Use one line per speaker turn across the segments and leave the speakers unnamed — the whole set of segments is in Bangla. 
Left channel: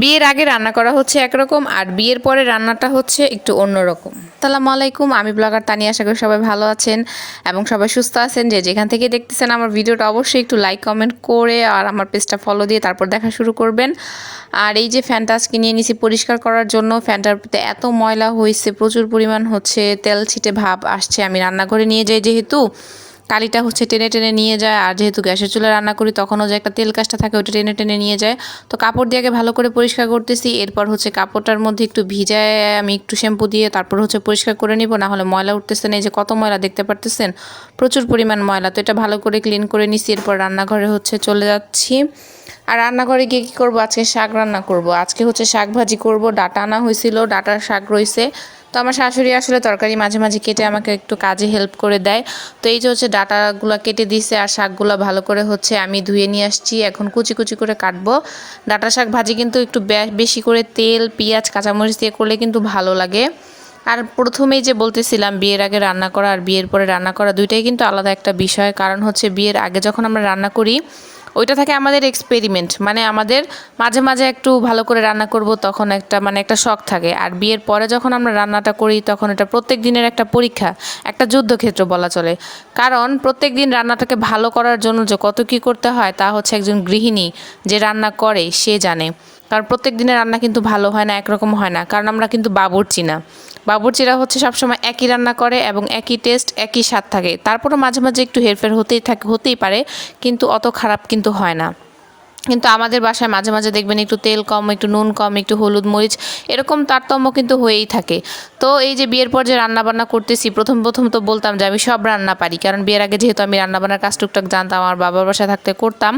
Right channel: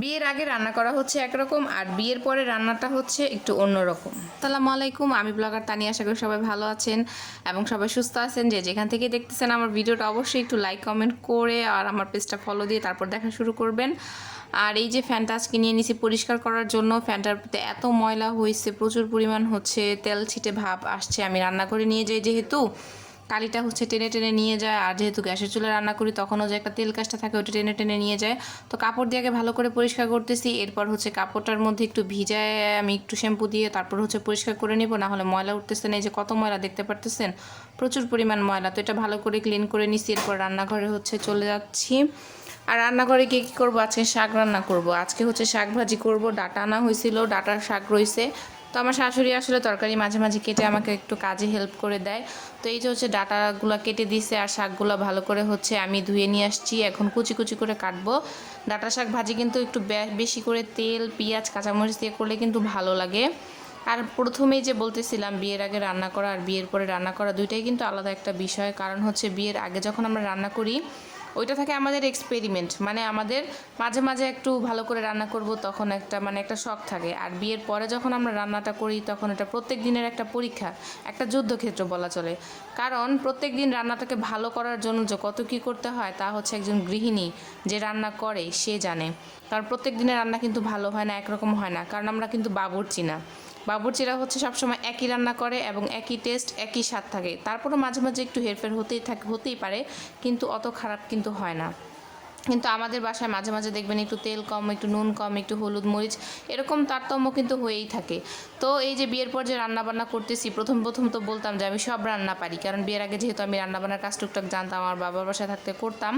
বিয়ের আগে রান্না করা হচ্ছে একরকম আর বিয়ের পরে রান্নাটা হচ্ছে একটু অন্যরকম। আসসালামু আলাইকুম, আমি ব্লগার তানি আশা করি সবাই ভালো আছেন এবং সবাই সুস্থ আছেন। যে যেখান থেকে দেখতেছেন আমার ভিডিওটা অবশ্যই একটু লাইক কমেন্ট করে আর আমার পেজটা ফলো দিয়ে তারপর দেখা শুরু করবেন। আর এই যে ফ্যানটা আজকে নিয়ে নিছি পরিষ্কার করার জন্য। ফ্যানটার প্রতি এত ময়লা হয়েছে, প্রচুর পরিমাণ হচ্ছে, তেল ছিটে ভাব আসছে। আমি রান্নাঘরে নিয়ে যাই যেহেতু। কালিটা হচ্ছে টেনে টেনে নিয়ে যায়, আর যেহেতু গ্যাসের চুলে রান্না করি, তখনও যে একটা তেল কাজটা থাকে ওটা টেনে টেনে নিয়ে যায়। তো কাপড় দিয়ে আগে ভালো করে পরিষ্কার করতেছি, এরপর হচ্ছে কাপড়টার মধ্যে একটু ভিজায় আমি একটু শ্যাম্পু দিয়ে তারপর হচ্ছে পরিষ্কার করে নিব, না হলে ময়লা উঠতেছে না। এই যে কত ময়লা দেখতে পারতেছেন? প্রচুর পরিমাণ ময়লা। তো এটা ভালো করে ক্লিন করে নিছি, এরপর রান্নাঘরে হচ্ছে চলে যাচ্ছি। আর রান্নাঘরে গিয়ে কী করব? আজকে শাক রান্না করব। আজকে হচ্ছে শাক ভাজি করব। ডাটা আনা হয়েছিল, ডাটার শাক রয়েছে। তো আমার শাশুড়ি আসলে তরকারি মাঝে মাঝে কেটে আমাকে একটু কাজে হেল্প করে দেয়। তো এই যে হচ্ছে ডাটাগুলো কেটে দিছে আর শাকগুলো ভালো করে হচ্ছে আমি ধুয়ে নিয়ে আসছি, এখন কুচি কুচি করে কাটবো। ডাটা শাক ভাজি কিন্তু একটু বেশি করে তেল, পেঁয়াজ, কাঁচামরিচ দিয়ে করলে কিন্তু ভালো লাগে। আর প্রথমেই যে বলতেছিলাম বিয়ের আগে রান্না করা আর বিয়ের পরে রান্না করা দুইটাই কিন্তু আলাদা একটা বিষয়। কারণ হচ্ছে বিয়ের আগে যখন আমরা রান্না করি ওইটা থাকে আমাদের এক্সপেরিমেন্ট মানে আমাদের মাঝে মাঝে একটু ভালো করে রান্না করব তখন একটা মানে একটা শখ থাকে। আর বিয়ের পরে যখন আমরা রান্নাটা করি তখন এটা প্রত্যেক দিনের একটা পরীক্ষা, একটা যুদ্ধক্ষেত্র বলা চলে। কারণ প্রত্যেক দিন রান্নাটাকে ভালো করার জন্য যে কত কী করতে হয় তা হচ্ছে একজন গৃহিণী যে রান্না করে, সে জানে। কারণ প্রত্যেক দিনের রান্না কিন্তু ভালো হয় না, একরকম হয় না। কারণ আমরা কিন্তু বাবুর্চি না। বাবুর্চিরা হচ্ছে সবসময় একই রান্না করে এবং একই টেস্ট একই স্বাদ থাকে। তারপরও মাঝে মাঝে একটু হেরফের হতেই থাকে, হতেই পারে, কিন্তু অত খারাপ কিন্তু হয় না। কিন্তু আমাদের বাসায় মাঝে মাঝে দেখবেন একটু তেল কম, একটু নুন কম, একটু হলুদ মরিচ, এরকম তারতম্য কিন্তু হয়েই থাকে। তো এই যে বিয়ের পর যে রান্নাবান্না করতেছি, প্রথম প্রথম তো বলতাম যে আমি সব রান্না পারি, কারণ বিয়ের আগে যেহেতু আমি রান্নাবান্নার কাজ টুকটাক জানতাম, আমার বাবার বাসায় থাকতে করতাম।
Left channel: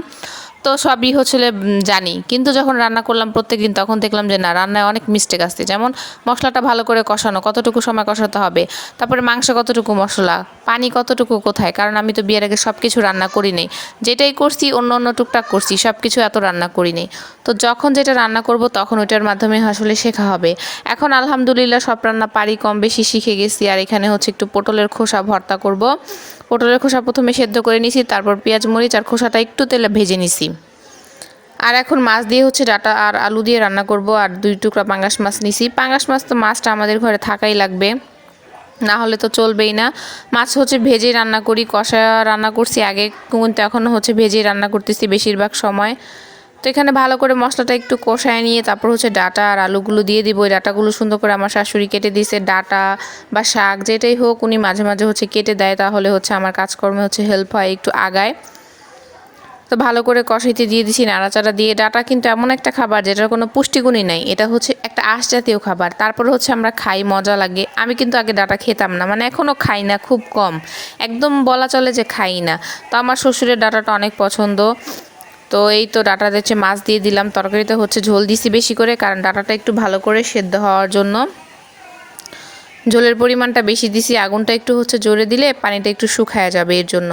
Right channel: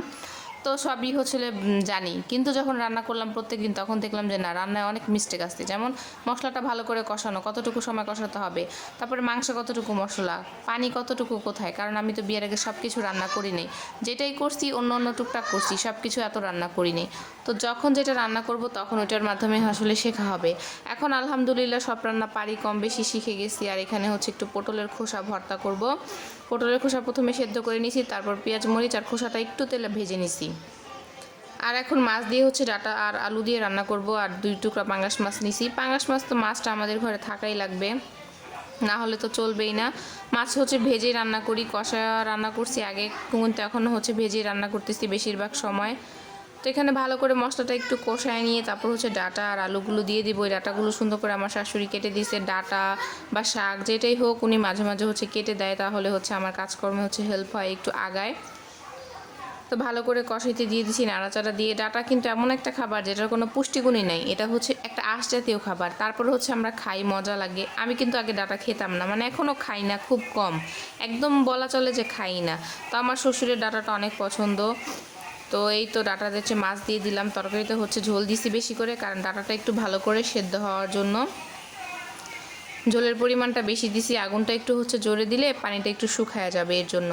তো সবই হচ্ছিল জানি। কিন্তু যখন রান্না করলাম প্রত্যেক দিন তখন দেখলাম যে না, রান্নায় অনেক মিস্টেক আসছে। যেমন মশলাটা ভালো করে কষানো, কতটুকু সময় কষাতে হবে, তারপরে মাংস কতটুকু মশলা, পানি কতটুকু কোথায়, কারণ আমি তো বিয়ের আগে সব কিছু রান্না করি নেই। যেটাই করছি, অন্য অন্য টুকটাক করছি সব কিছু এত রান্না করি নেই। তো যখন যেটা রান্না করব, তখন ওইটার মাধ্যমে আসলে শেখা হবে। এখন আলহামদুলিল্লাহ সব রান্না পারি, কম বেশি শিখে গেছি। আর এখানে হচ্ছে একটু পটলের খোসা ভর্তা করব। পটলের খোসা প্রথমে সেদ্ধ করে নিছি, তারপর পেঁয়াজ, মরিচ আর খোসাটা একটু তেলে ভেজে নিছি। আর এখন মাছ দিয়ে হচ্ছে ডাটা আর আলু দিয়ে রান্না করব, আর দুই টুকরা পাঙ্গাস মাছ নিছি। পাঙ্গাস মাছ তো মাছটা আমাদের ঘরে থাকাই লাগবে, না হলে তো চলবেই না। মাছ হচ্ছে ভেজে রান্না করি, কষা রান্না করছি আগে কিন্তু এখনও হচ্ছে ভেজে রান্না করতেছি বেশিরভাগ সময়। তো এখানে ভালো করে মশলাটা একটু কষায় নিয়ে তারপর হচ্ছে ডাটা আর আলুগুলো দিয়ে দিব। ওই ডাটাগুলো সুন্দর করে আমার শাশুড়ি কেটে দিয়েছে, ডাটা বা শাক যেটাই হোক উনি মাঝে মাঝে হচ্ছে কেটে দেয়, তাহলে হচ্ছে আমার কাজকর্মে হচ্ছে হেল্প হয়, একটু আগায়। তো ভালো করে কষাইতে দিয়ে দিছি, নাড়াচাড়া দিয়ে। ডাটা কিন্তু এমন একটা খাবার যেটার কোনো পুষ্টিগুণই নাই। এটা হচ্ছে একটা আঁশ জাতীয় খাবার। তারপর হচ্ছে আমরা খাই, মজা লাগে। আমি কিন্তু আগে ডাটা খেতাম না মানে এখনও খাই না, খুব কম। একদম বলা চলে যে খাই না। তো আমার শ্বশুরের ডাটাটা অনেক পছন্দ। তো এই তো ডাটা দিচ্ছে, মাছ দিয়ে দিলাম। তরকারিতে হচ্ছে ঝোল দিছি বেশি করে, কারণ ডাটাটা একটু ভালো করে সেদ্ধ হওয়ার জন্য। ঝোলের পরিমাণটা বেশি দিছি, আগুনটা একটু হচ্ছে জোরে দিলে পানিটা একটু শুকায় যাবে এর জন্য।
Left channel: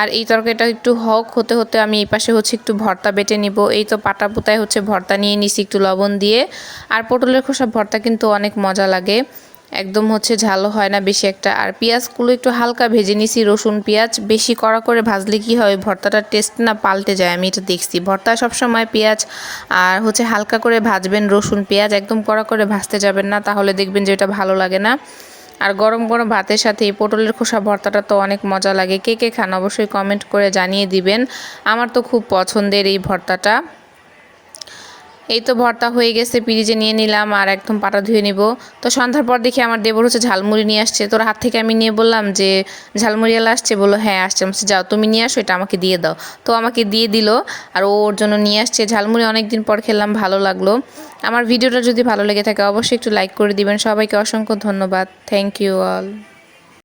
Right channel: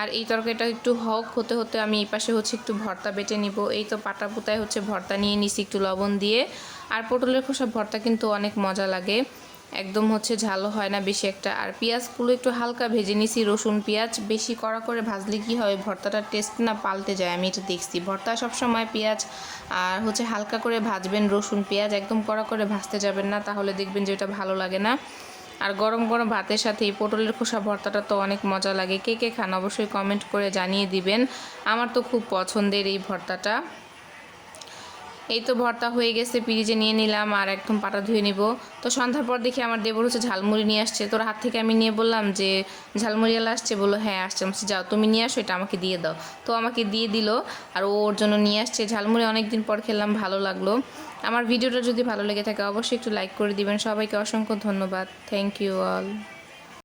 আর এই তরকারিটা একটু হক হতে হতে আমি এই পাশে হচ্ছে একটু ভর্তা বেটে নিব। এই তো পাটা পোতায় হচ্ছে ভর্তা নিয়ে নিছি একটু লবণ দিয়ে। আর পটলের খোসা ভর্তা কিন্তু অনেক মজা লাগে। একদম হচ্ছে ঝালও হয় না বেশি একটা। আর পেঁয়াজগুলো একটু হালকা ভেজে নিছি, রসুন, পেঁয়াজ। বেশি কড়া করে ভাজলে কি হয় ভর্তাটার টেস্ট না পাল্টে যায়, আমি এটা দেখছি। ভর্তা সবসময় পেঁয়াজ আর হচ্ছে হালকা করে ভাজবেন রসুন, পেঁয়াজ একদম কড়া করে ভাজতে যাবেন না, তাহলে দেখবেন যে এটা ভালো লাগে না। আর গরম গরম ভাতের সাথে এই পটলের খোসা ভর্তাটা তো অনেক মজা লাগে। কে কে খান অবশ্যই কমেন্ট করে জানিয়ে দিবেন। আমার তো খুব পছন্দের এই ভর্তাটা। এই তো ভর্তা হয়ে গেছে পিরিজে নিয়ে নিলাম আর একদম পাটা ধুয়ে নিব। তো সন্ধ্যার পর দেখি আমার দেবর হচ্ছে ঝালমুড়ি নিয়ে আসছে। তোর হাত থেকে আমি নিয়ে বললাম যে ঝালমুড়িওয়ালা আসছে? বলল হ্যাঁ আসছে। আমি যাও, তুমি নিয়ে আসো, এটা আমাকে দিয়ে দাও। তো আমাকে দিয়ে দিল আর ওর জন্য নিয়ে আসছে। ঝালমুড়ি অনেক দিন পর খেলাম, ভালো লাগল। আমার ভিডিওটা যদি ভালো লেগে থাকে, অবশ্যই একটু লাইক করে দিবেন। সবাইকে অসংখ্য ধন্যবাদ। Thank you all